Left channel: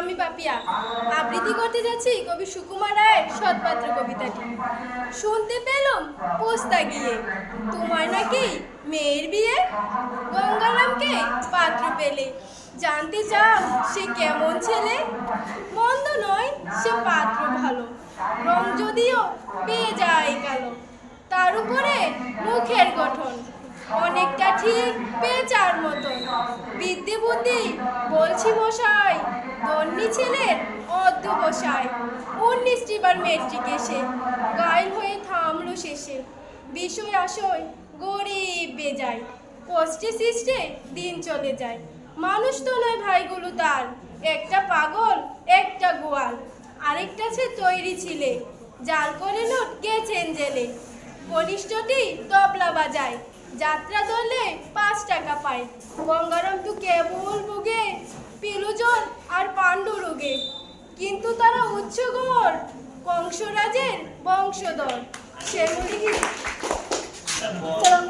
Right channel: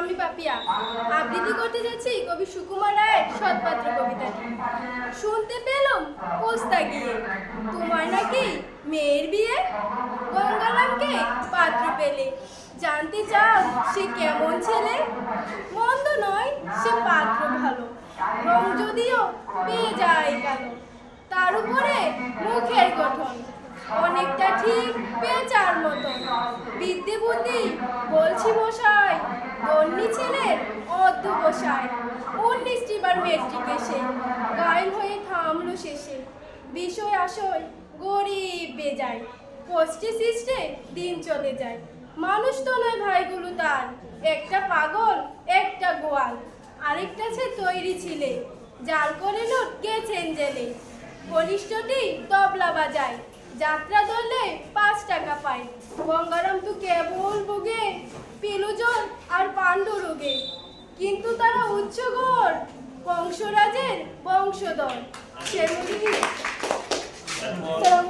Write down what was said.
আমি পাপিয়া আবৃত্তি করতে যাচ্ছি কবি সুকুমার রায়ের সৎপাত্র কবিতাটি। শুনতে পেলাম পোস্তা গিয়ে তোমার নাকি মেয়ের বিয়ে, গঙ্গারামকে পাত্র পেলে জানতে চাও সে কেমন ছেলে। মন্দ নয় সে পাত্র ভালো, রং যদিও পেয়ে যায় কালো, তার উপরে মুখের গঠন অনেকটা ঠিক পেঁচার মতন। বিদ্যে বুদ্ধি বলছি মশাই, দন্ডি ছেলের অধ্যবসায়। 19টি বার মেট্রিক এসে গায়েল হয়ে থামলো শেষে। বিষয় আশয় গরিব বেজায়, কষ্টে সৃষ্টে দিন চলে যায়। মানুষ তো নয় ভাইগুলো তার, একটা পাগল একটা গোয়াল, আরেকটা সে তৈরি ছিলে, জাল করে লোক গেছেন জেলে। কনিষ্ঠটি তবলা বাজায়, যাত্রা ধরলে 5 টাকা পায়। গঙ্গারাম তো কেবল ভোগে পিলুজন আর পাণ্ডু রোগে, কিন্তু তারা উচ্চগড় কংসরাজের বংশধর। শ্যামলী